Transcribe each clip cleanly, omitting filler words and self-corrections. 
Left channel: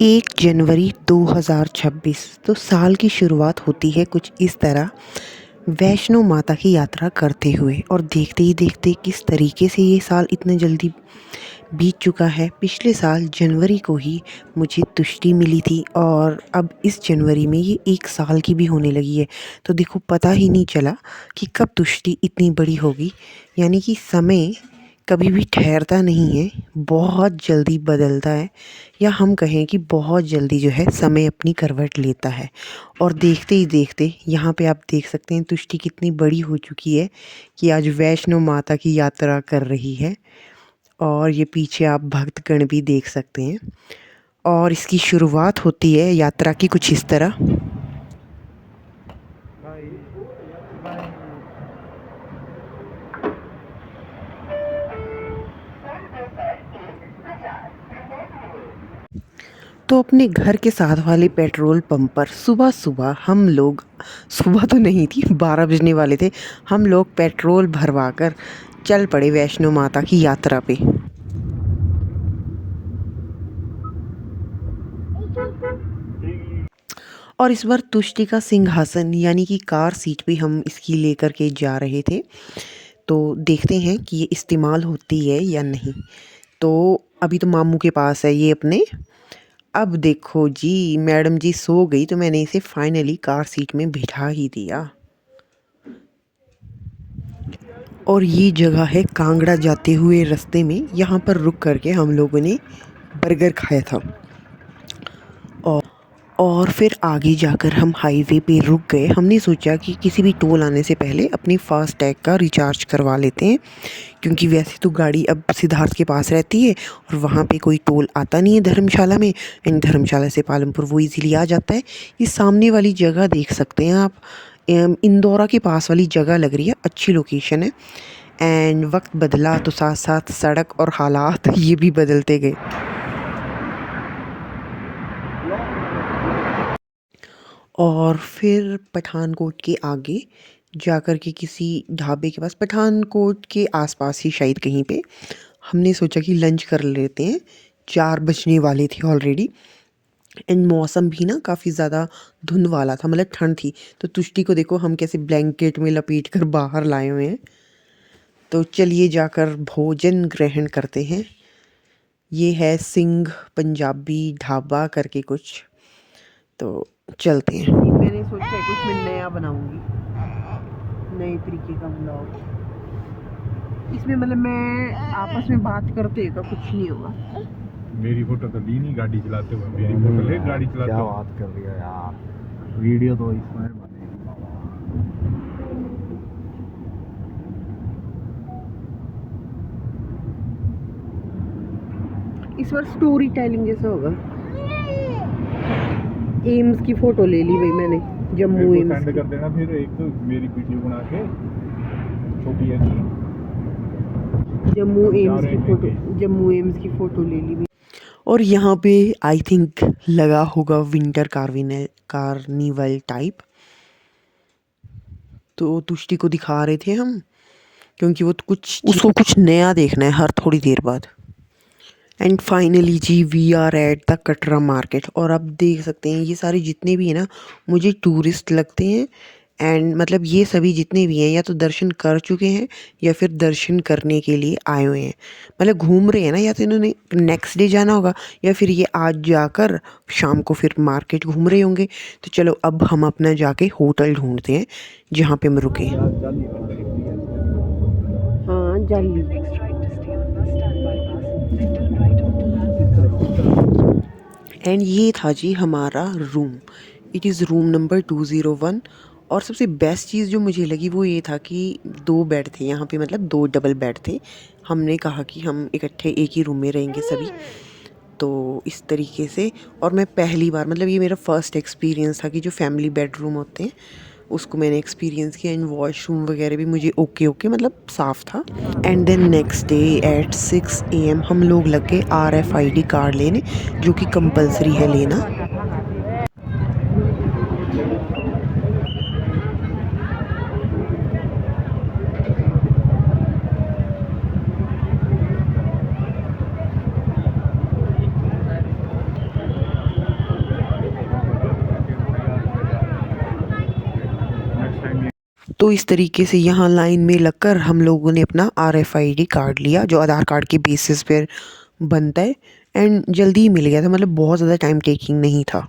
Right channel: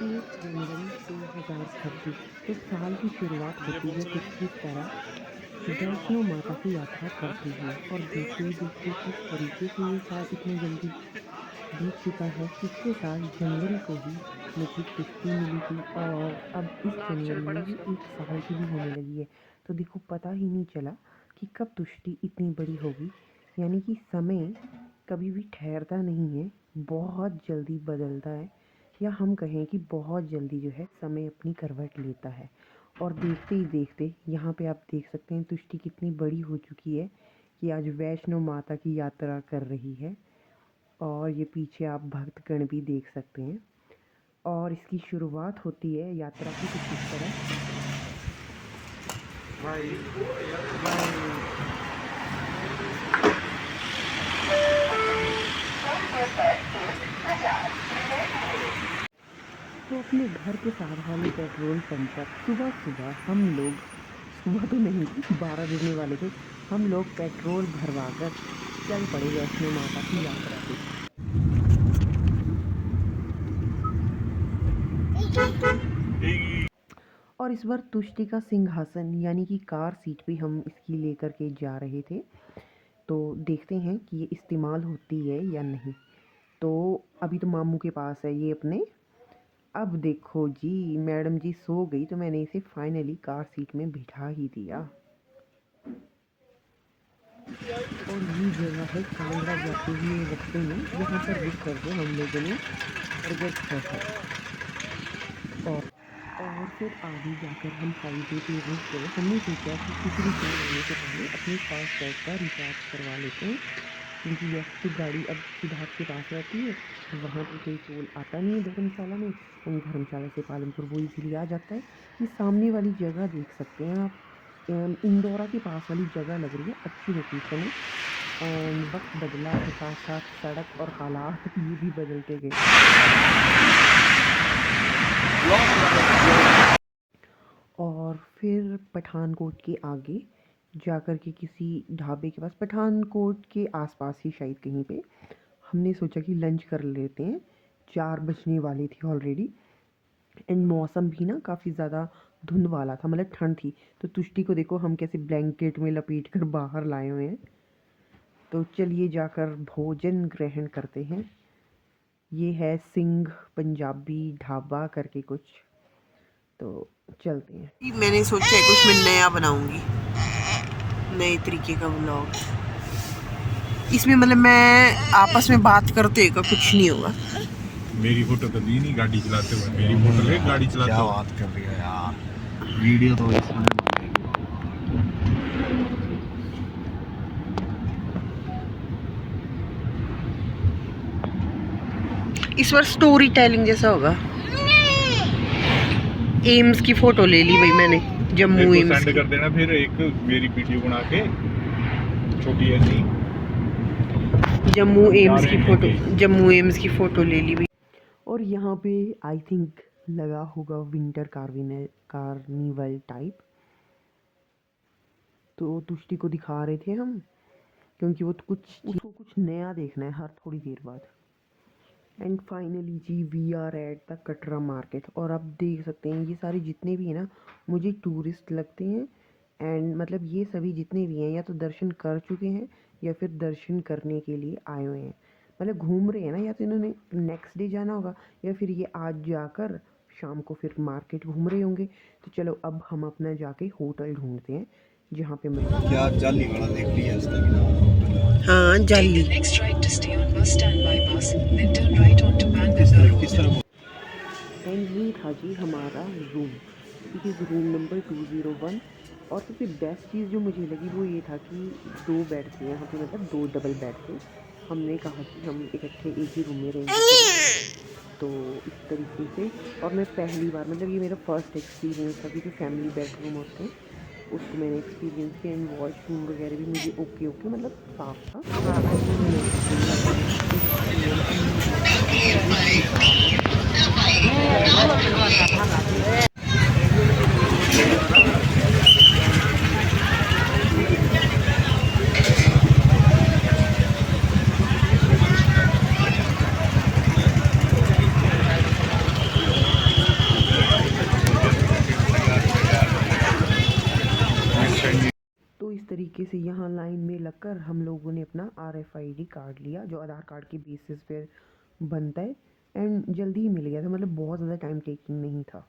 1 जनवरी 2026 तो साल की शुरुआत होती है कुछ इस तरह, वैष्णो माता की यात्रा करते हुए। और देखते ही देखते किस तरीके से ये साल इतने जल्दी बीत चुका है। पिछले साल जनवरी को ही मुझे तुष्टि मिली थी और अब इस जनवरी में ये 1 साल की भी होने लगी है। तो देखो, पता ही नहीं चला कि कब तुष्टि इतनी बड़ी होगी। यानी कि समय कभी भी ठहरता नहीं है, बहुत जल्दी बदलता है, या हम कहें कि बहुत जल्दी जो है समय अपनी करवट लेता है। और देखते ही देखते यहाँ पे आप देख सकते हैं तुष्टि कितनी बड़ी हो चुकी है कि आज वैष्णो माता की यात्रा कर रही है। और ये पीछे आप भक्तगण भी देख सकते हैं। और इसकी शुरुआत होती है यात्रा की कुछ इस तरह। तो अपने घर के साथ वाले पेट्रोल पंप पर सुबह सुबह हम लोग, सुबह तो नहीं थी, 12 बजने वाले थे, हम लोग पेट्रोल भरवा कर चल पड़े वैष्णो माता की यात्रा पे। और इस बार तुष्टि का सिंहासन यानी कि कार सीट पे हम इसकी लेकर के जा रहे थे। तो देखते हैं कि ये इस्तेमाल होती है या नहीं। तो अभी तो मामू के पास है ये अपने। अब देखो जी, मैडम जी सो गई तो मैंने इसे फाइनली कार सीट में बिठा ही दिया। और ये जगह है कांगड़ा जाते हुए रास्ते में, यहाँ पर रुक करके हम लोगों ने बर्गर खाया था। और और फिर आगे जाकर हम हाईवे पे रुक गए। हमने सोचा कि किसी भी टोल आने से पहले अपनी फास्ट टैग का रिचार्ज करवा लेते हैं, क्योंकि वैसे तो गाड़ी अब सिद्धार्थ के पास रहती है और वहाँ पे कोई टोल आता नहीं है धर्मशाला में। इन धर्मशाला से पालमपुर वो इजीली आ जाता है। ये सामने वाली जगह देख सकते हैं आप, इंदौरा के पास वाली जगह लग रही है, अच्छी लोकेशन है। एंड वक्त बदला तो साथ साथ सड़क और हालात ये भी बदलते गए। और फिर पठानकोट के आगे जाकर के किसी ढाबे के पास, पठानकोट के आसपास ही शायद कहीं पे, हमने सोचा कि लंच कर लेते हैं। 4 बजने वाले थे ऑलरेडी। एंड मौसम भी ना काफ़ी ज़्यादा धुंध वाला था, मतलब ठंड थी। तो तुष्टि को देखो हम कैसे ब्लैंकेट में लपेट कर बाहर लाए हुए हैं। तो चलिए जाकर भोजन ग्रहण करते हैं। ये है सिंह पंजाबी ढाबा करके कुछ। तो चलते हैं। मैंने सोचा है कुछ मैं नया बनाऊंगी, नए तरीके का व्लॉग। इसमें मतलब मैं आपस में बात करते का कुछ नहीं होगा। मेरी फोटो तो दी नहीं गाड़ी चलाते हुए, मेरी फोटो ले गाड़ी चलाते क्या हुए। बात कर रही है यार, वीडियो तो इसमें इस बार स्टोरी टेलिंग जैसा होगा। एम्स की फोटो ले ली भाई मैंने, जम्मू मेरे को एम्स सेंड की। कर देना फिर एक मेरी वीडियो बना के, छोटी ऐसी। जम्मू एम्स की फोटो, लेंगे। जम्मू एम्स की फ़ोटो ले ली भाई। और यहाँ पे आई थिंक लगा होगा विंटर कार्निवल टाइप। तो तुष्टि को दिखा रहे थे हम, क्योंकि वो तो कुछ उसको कुछ नया देखना है हर थोड़ी देर बाद। एंड फाइनली जी we are at the Katra market. और आप देख सकते हैं ये सारे जितने भी हैं ना, मुझे टूरिस्ट लगते हैं। एंड मतलब ये सभी जितने भी हैं या तो दर्शन कर चुके हैं या फिर दर्शन करने के लिए आए हुए हैं। मतलब घूम रहे हैं ना, या तो इन्होंने नेक्स्ट डे जाना होगा या फिर ये आज जाकर शाम को फिर मार्केट घूम रहे होंगे। तो चलो अब हम अपना जाके होटल ढूंढते हैं जहाँ पे हम रुके। यार जाली वाला देख लिया इसका भी नाम होटल है। हाँ, जाली। किस तरफ एंड ये था जी हमारा room. It is room number 201। और सबसे बेस्ट चीज़ जो मुझे लगी वो ये था कि 2 बेड थे यहाँ पे, मतलब 2 डबल बेड थे। हमने कहा कि हम इकट्ठे एक ही रूम में रहेंगे सभी। तो इस तरीके से, और मैं पहली बार, मतलब ये मेरा फर्स्ट एक्सपीरियंस था कि जो फैमिली बेडरूम होते हैं उसको मैंने एक्सपीरियंस किया। एंड वॉशरूम वगैरह भी मुझे ओके मतलब साफ़ था। And then next day at 6 AM हम लोग लग गए RFID कार्ड लेने, जो कि कंपलसरी है लेना। तो इस तरीके से यहाँ लाइन में लगकर हम लोगों ने अपना RFID कार्ड लिया, जो आधार कार्ड के बेसिस पर बनता है, एंड जल्दी ही मिल गया था, मतलब बहुत ज़्यादा टाइम टेकिंग नहीं था।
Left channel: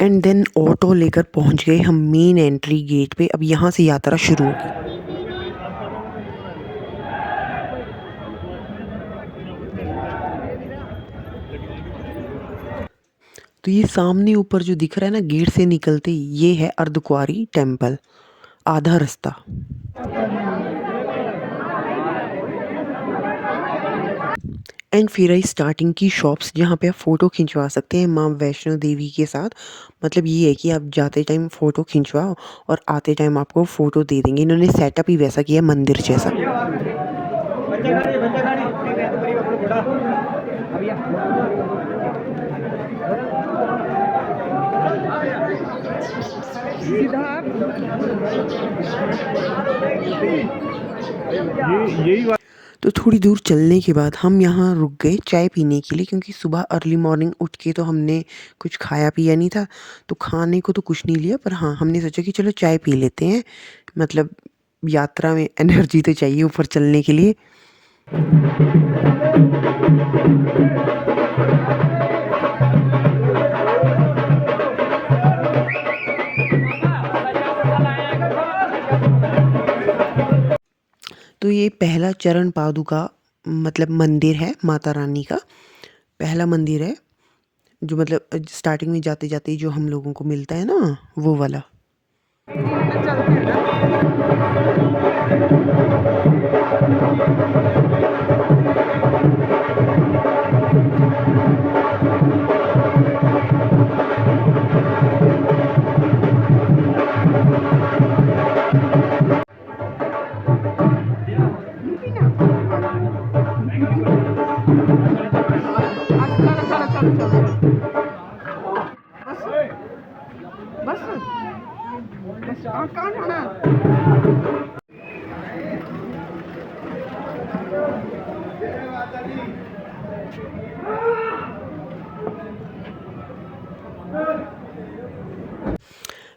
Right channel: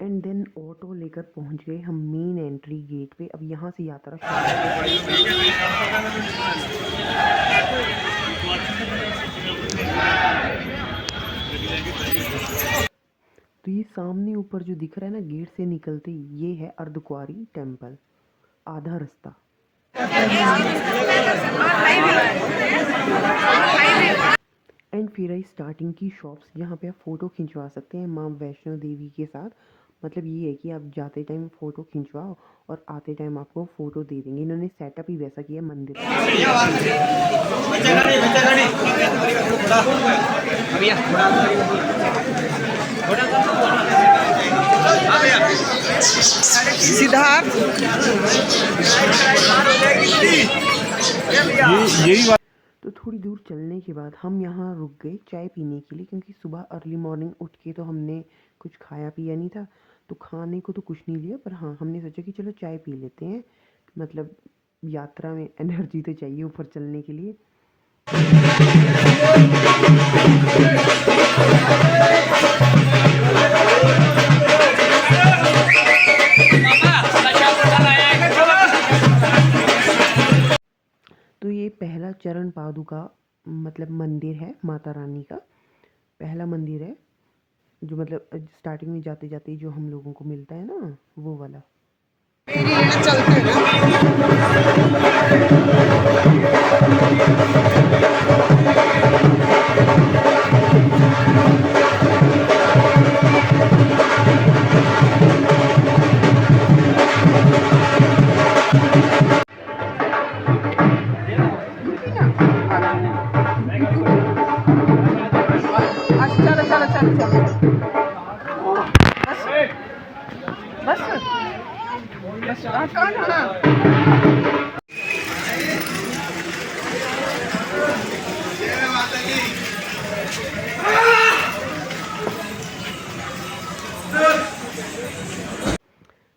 एंड देन ऑटो लेकर पहुँच गए हम मेन एंट्री गेट पे। अब यहाँ से यात्रा शुरू है। तो ये सामने ऊपर जो दिख रहा है ना गेट से निकलते ही, ये है अर्धकुंवारी टेम्पल, आधा रास्ता। एंड फिर आई स्टार्टिंग की शॉप्स जहाँ पे आप फ़ोटो खिंचवा सकते हैं माँ वैष्णो देवी के साथ। मतलब ये है कि आप जाते टाइम फ़ोटो खिंचवाओ और आते टाइम आपको फ़ोटो दे देंगे। इन्होंने सेटअप ही वैसा किया मंदिर जैसा। सिद्धार्थ यही बात। तो थोड़ी दूर चलने के बाद हम यहाँ रुक गए चाय पीने के लिए, क्योंकि सुबह अर्ली मॉर्निंग उठ के तो हमने कुछ खाया पिया नहीं था। तो खाने को तो कुछ नहीं लिया, पर हाँ हमने सोचा कि चलो चाय पी लेते हैं, मतलब यात्रा में एनर्जी तो चाहिए ऊपर चलने के लिए। तो ये पहला चरण पादुका मतलब मंदिर है, माता रानी का पहला मंदिर है, जो मतलब स्टार्टिंग में जाते जाते जो हम लोगों को मिलता है ना, वो वाला।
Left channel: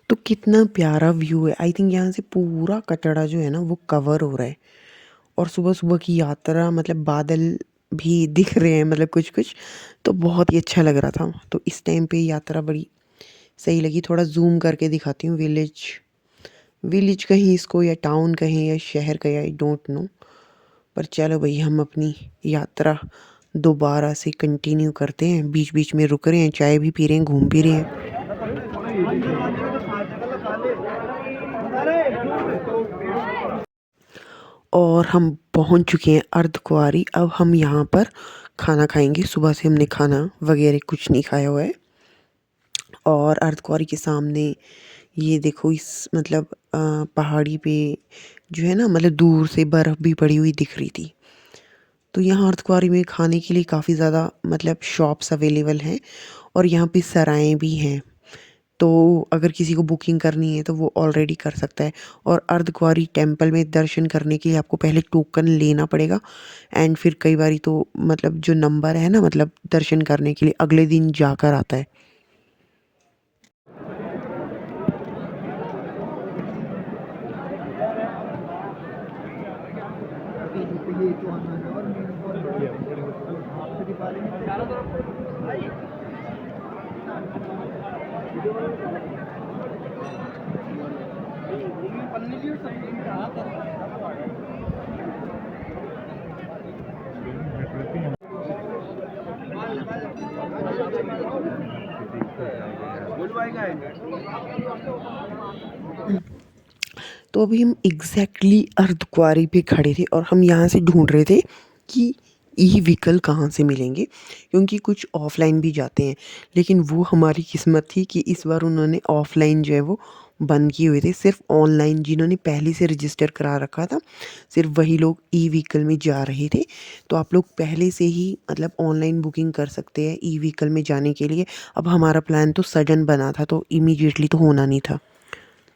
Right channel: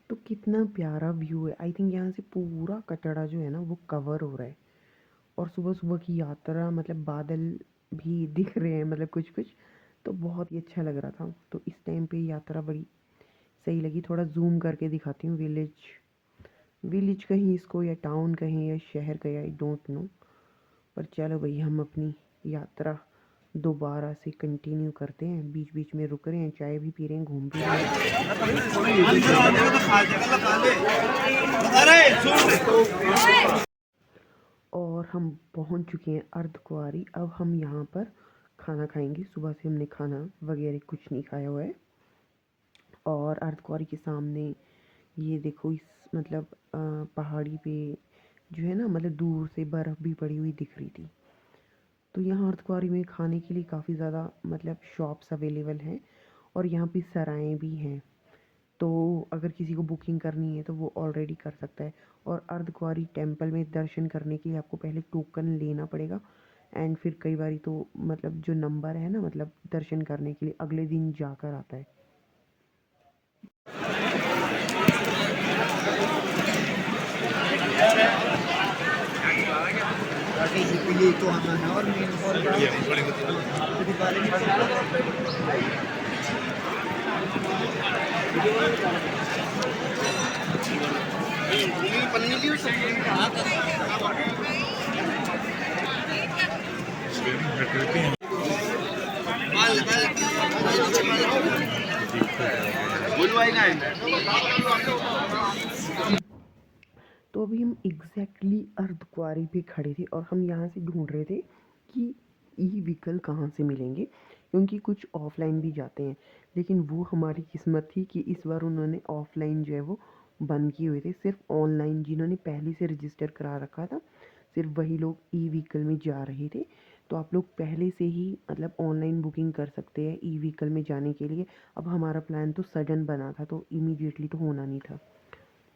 तो कितना प्यारा व्यू है। आई थिंक यहाँ से पूरा कटरा जो है ना वो कवर हो रहा है, और सुबह सुबह की यात्रा, मतलब बादल भी दिख रहे हैं, मतलब कुछ कुछ, तो बहुत ही अच्छा लग रहा था। तो इस टाइम पे यात्रा बड़ी सही लगी। थोड़ा जूम करके दिखाती हूँ। विलेज विलेज कहीं इसको, या टाउन कहीं, या शहर कहीं, आई डोंट नो। पर चलो भाई, हम अपनी यात्रा दोबारा से कंटिन्यू करते हैं। बीच बीच में रुक रहे हैं, चाय भी पी रहे हैं, घूम भी रहे हैं। और हम पहुंच चुके हैं अर्धकुंवारी। अब हम यहाँ पर खाना खाएंगे। सुबह से हमने खाना वगैरह कुछ नहीं खाया हुआ है। और अर्धकुंवारी के सामने ये देखो, इस मतलब पहाड़ी पे जो है ना, मतलब दूर से बर्फ़ भी पड़ी हुई दिख रही थी। तो यहाँ अर्धकुंवारी में खाने के लिए काफ़ी ज़्यादा मतलब शॉप्स अवेलेबल हैं, और यहाँ पे सराएँ भी हैं। तो अगर किसी को बुकिंग करनी है तो वो ऑलरेडी कर सकता है। और अर्धकुंवारी टेम्पल में दर्शन करने के लिए आपको पहले टोकन लेना पड़ेगा, एंड फिर कई बारी तो मतलब जो नंबर है ना, मतलब दर्शन करने के लिए अगले दिन जाकर आता है। ये तो हमारा और तो अभी हम एग्जैक्टली अर्धकुंवारी पे खड़े थे, और हम यहाँ से ढूंढ रहे थे कि ई व्हीकल कहाँ से मिलेंगे, क्योंकि कुछ ऑफलाइन भी जाते हैं। लेकिन वो हमारी किस्मत थी कि इस बार उन्होंने ऑफलाइन जो है वो बंद किए हुए थे। सिर्फ ऑनलाइन जिन्होंने पहले से रजिस्टर करा रखा था, सिर्फ वही लोग ई व्हीकल में जा रहे थे। तो आप लोग पहले से ही मतलब ऑनलाइन बुकिंग कर सकते हैं ई व्हीकल में जाने के लिए। अब हमारा प्लान तो सडन बना था, तो इमीडिएटली तो होना नहीं था।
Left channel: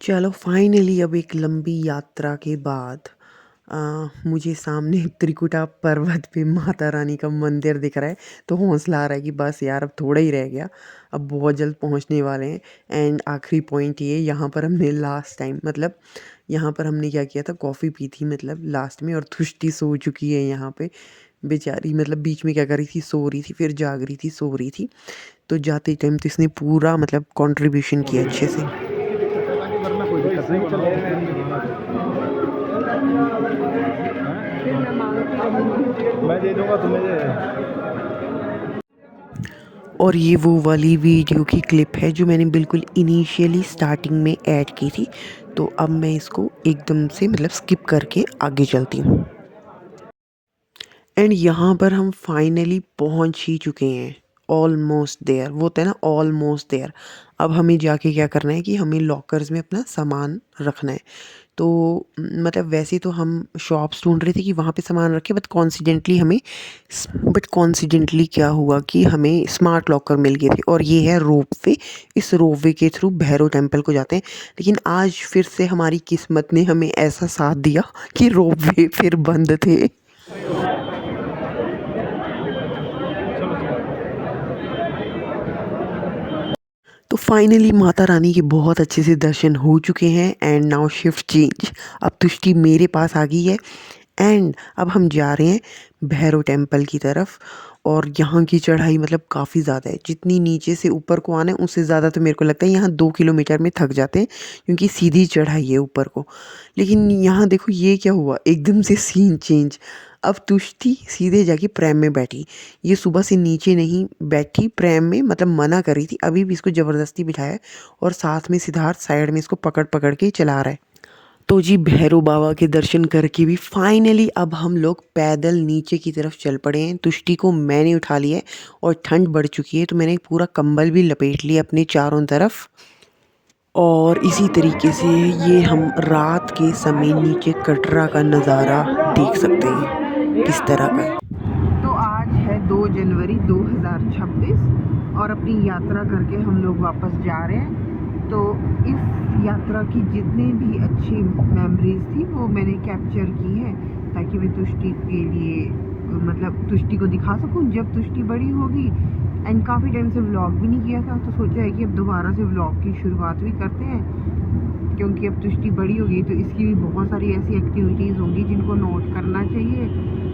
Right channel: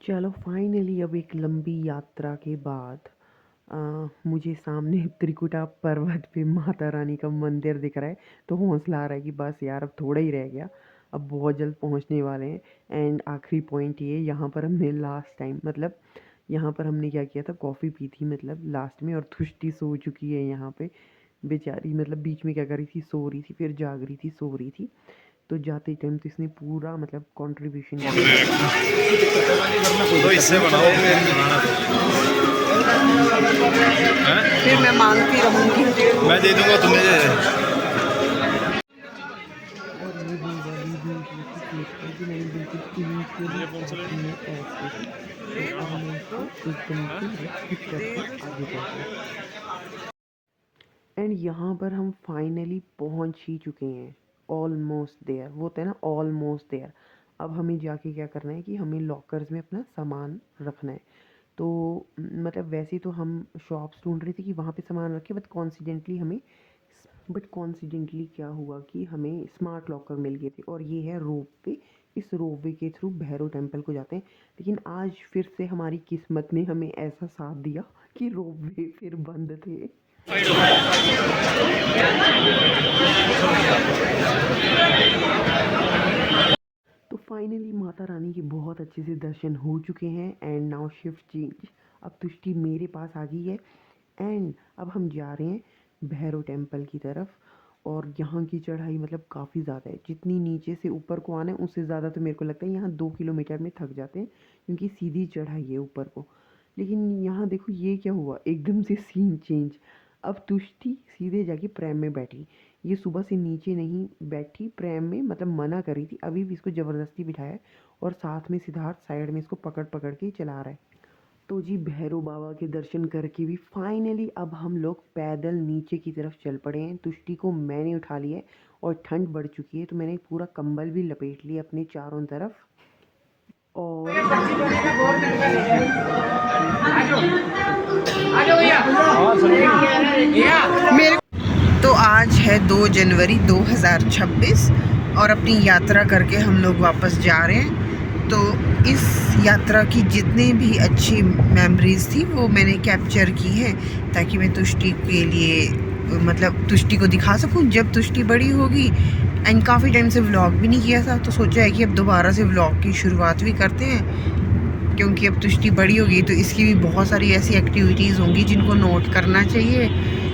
चलो फाइनली अब एक लंबी यात्रा के बाद मुझे सामने त्रिकुटा पर्वत पे माता रानी का मंदिर दिख रहा है। तो हौसला आ रहा है कि बस यार अब थोड़ा ही रह गया, अब बहुत जल्द पहुंचने वाले हैं। एंड आखिरी पॉइंट ये, यहाँ पर हमने लास्ट टाइम मतलब यहाँ पर हमने क्या किया था, कॉफ़ी पी थी मतलब लास्ट में, और तुष्टि सो चुकी है यहाँ पे बेचारी, मतलब बीच में क्या कर रही थी, सो रही थी, फिर जाग रही थी, सो रही थी। तो जाते टाइम तो इसने पूरा मतलब कंट्रीब्यूशन किया अच्छे से। तो इससे बनाओ फिर मैं मांगती रहूँगी। मैं दे दूंगा तुम्हें। और ये वो वाली वीडियो की क्लिप है जो मैंने बिल्कुल इनिशियली स्टार्टिंग में ऐड की थी। तो अब मैं इसको एकदम से मतलब स्किप करके आगे चलती हूँ। एंड यहाँ पर हम फाइनली पहुँच ही चुके हैं, ऑलमोस्ट देयर, वो होता है ना ऑलमोस्ट देयर। अब हमें जाके क्या करना है कि हमें लॉकर्स में अपना सामान रखना है। तो मतलब वैसे तो हम शॉप्स ढूंढ रहे थे कि वहाँ पे सामान रखें, बट कॉन्सिडेंटली क्या हुआ कि हमें स्मार्ट लॉकर मिल गए थे, और ये है रोपवे। इस रोपवे के थ्रू भैरव टेम्पल को जाते हैं। लेकिन आज फिर से हमारी किस्मत ने हमें ऐसा साथ दिया कि रोपवे फिर बंद थे। तो फाइनली माता रानी के बहुत अच्छे से दर्शन हो चुके हैं। एंड नाउ शिफ्ट चेंज, अब तुष्टि मेरे पास आ गई है। एंड अब हम जा रहे हैं भैरव टेम्पल की तरफ। और यहाँ की चढ़ाई मतलब काफ़ी ज़्यादा है, जितनी नीचे से ऊपर को आना है उससे ज़्यादा तो मेरे को लगता है यहाँ 2 किलोमीटर में थक जाते हैं, क्योंकि सीधी चढ़ाई है ऊपर को। लेकिन यहाँ देखो ये क्या हुआ, एकदम से सीन चेंज। अब तुष्टि सीधे जाके प्रैम में बैठी। ये सुबह से नीचे नहीं बैठी प्रैम में, मतलब मना कर रही थी, अभी भी इसको ज़बरदस्ती बिठाया है। और साथ में सिद्धार्थ साइड में इसको पकड़ पकड़ के चला रहा है। तो जी भैरव बाबा के दर्शन करके भी फाइनली अब हम लोग पैदल नीचे की तरफ चल पड़े हैं। तुष्टि को मैंने उठा लिया है, और ठंड बढ़ चुकी है तो मैंने पूरा कंबल भी लपेट लिया अपने चारों तरफ। और इसी तरीके से ये हम रात के समय नीचे कटरा का नज़ारा देख सकते हैं इस तरह। तो आज है 2 जनवरी 2026, और अपनी यात्रा करके हम लोग वापस जा रहे हैं। तो इस यात्रा की जितनी भी अच्छी मेमोरीज़ थी वो मैंने कैप्चर की हैं, ताकि मैं तुष्टि के लिए मतलब तुष्टि को दिखा सकूं जब तुष्टि बड़ी होगी। एंड काफ़ी टाइम से व्लॉग भी नहीं किया था, तो सोचा है कि अब दोबारा से व्लॉग की शुरुआत भी करते हैं, क्योंकि अब तुष्टि बड़ी होगी तो इसकी भी बहुत सारी ऐसी एक्टिविटीज़ होंगी जिनको नोट करना चाहिए,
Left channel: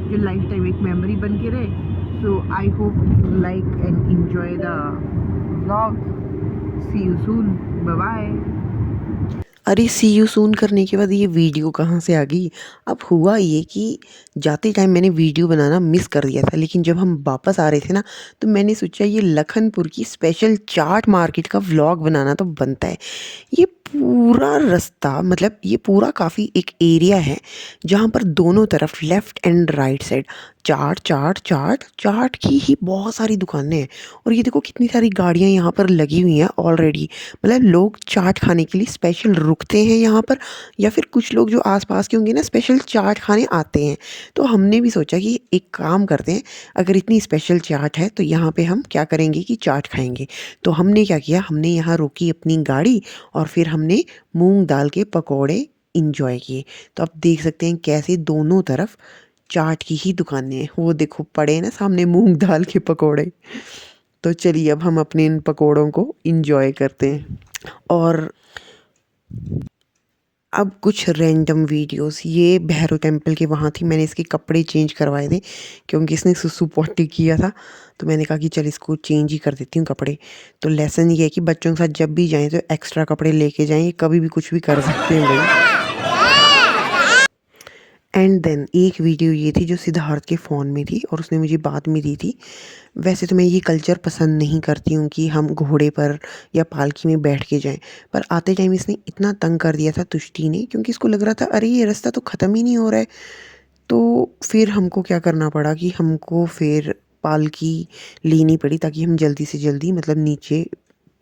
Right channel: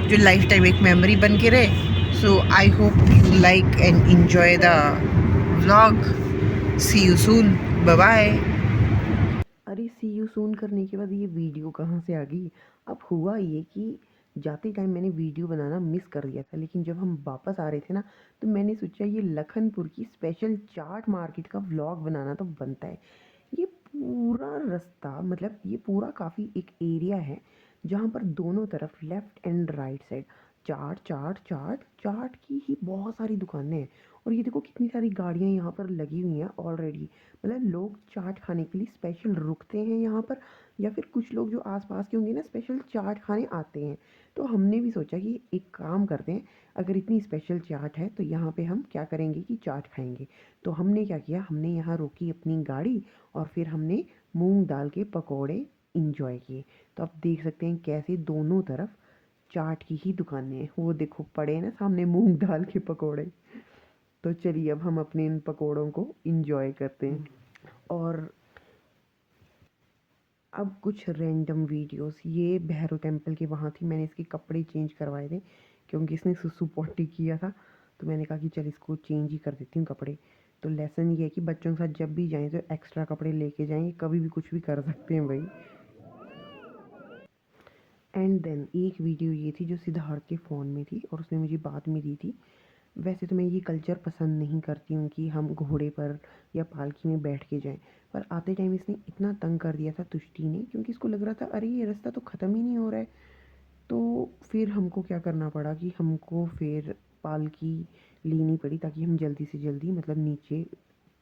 जो लाइफ टाइम एक मेमोरी बन के रहे। So I hope you like and enjoy the vlog. See you soon, bye bye. अरे सी यू सून करने के बाद ये वीडियो कहाँ से आ गई। अब हुआ ये कि जाते टाइम मैंने वीडियो बनाना मिस कर दिया था, लेकिन जब हम वापस आ रहे थे ना, तो मैंने सोचा ये लखनपुर की स्पेशल चाट मार्केट का व्लॉग बनाना तो बनता है। ये पूरा रास्ता मतलब ये पूरा काफ़ी एक एरिया है जहाँ पर दोनों तरफ लेफ़्ट एंड राइट साइड चाट चाट चाट चाट की ही बहुत सारी दुकानें हैं। और ये देखो कितनी सारी गाड़ियाँ यहाँ पर लगी हुई हैं ऑलरेडी, मतलब लोग चाट खाने के लिए स्पेशल रुकते हैं यहाँ पर, या फिर कुछ लोग जो आसपास के होंगे ना स्पेशल चाट खाने आते हैं। तो हमने भी सोचा कि एक काम करते हैं, अगर इतनी स्पेशल चाट है तो यहाँ पे हम क्या करेंगे कि चाट खाएंगे। तो हमने क्या किया, हमने यहाँ रोकी अपनी गाड़ी, और फिर हमने मूंग दाल के पकौड़े इंजॉय किए। तो आप देख सकते हैं कैसे दोनों तरफ चाट की ही दुकानें हैं, वो देखो पड़े हैं ना सामने मूंग दाल के पकौड़े। तो चलिए अब हम अपने इन पकौड़ों को इंजॉय करते हैं। और अब कुछ रैंडम वीडियोस, ये भैरव टेम्पल के वहाँ थी, मैंने इसके कपड़े चेंज करवाए थे क्योंकि इसने सुसु पॉटी किया था। तो मैंने कहा कि चल इसको चेंज ही कर देती हूँ कपड़े। तो लेसन ये है कि बच्चों के साथ जब भी जाएं तो एक्स्ट्रा कपड़े लेके जाएं, ये कभी भी कुछ भी कर सकते हैं भाई। एंड देन एक वीडियो ये थी जो सिद्धार्थ के फ़ोन में थी और उसने मुझे बाद में दी थी। वैसे तो मैं ये कल्चर पसंद नहीं करती हूँ कि हम घोड़े पर या पालकी में बैठ के जाएं, पर आते टाइम इसने इतना तंग कर दिया था तुष्टि ने, क्योंकि इसको लग रहा था अरे ये रास्ता तो ख़त्म ही नहीं हो रहा है। तो फिर हमको क्या करना पड़ा कि हमको फिर पालकी लेनी पड़ी ताकि हम जल्दी से जल्दी मतलब नीचे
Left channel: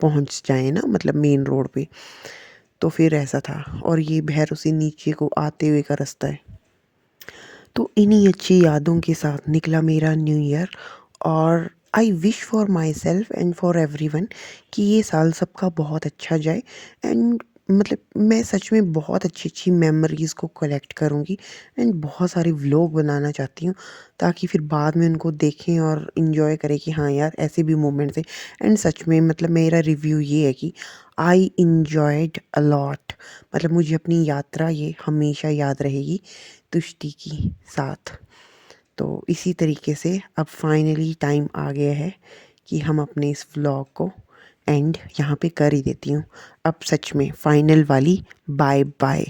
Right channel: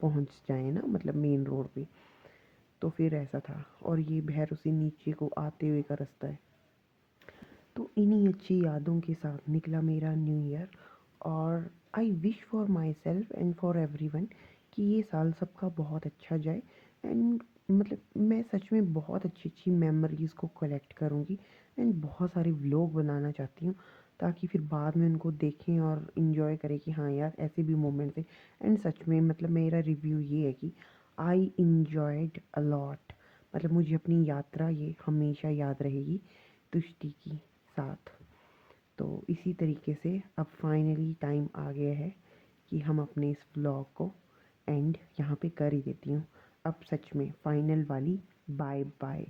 पहुँच जाएँ ना, मतलब मेन रोड पे। तो फिर ऐसा था, और ये भैरव से नीचे को आते हुए का रास्ता है। तो इन्हीं अच्छी यादों के साथ निकला मेरा न्यू ईयर। और I wish for my self and for every one कि ये साल सबका बहुत अच्छा जाए। एंड मतलब मैं सच में बहुत अच्छी-अच्छी मेमोरीज़ को कलेक्ट करूँगी एंड बहुत सारे व्लॉग बनाना चाहती हूँ, ताकि फिर बाद में उनको देखें और एन्जॉय करें कि हाँ यार, ऐसे भी मोमेंट्स हैं। एंड सच में मतलब मेरा रिव्यू ये है कि आई एन्जॉयड अ लॉट। मतलब मुझे अपनी यात्रा ये हमेशा याद रहेगी तुष्टि की साथ। तो इसी तरीके से अब फाइनली टाइम आ गया है कि हम अपने इस व्लॉग को एंड यहाँ पे कर ही देती हूँ। अब सच में फाइनल वाली बाय बाय।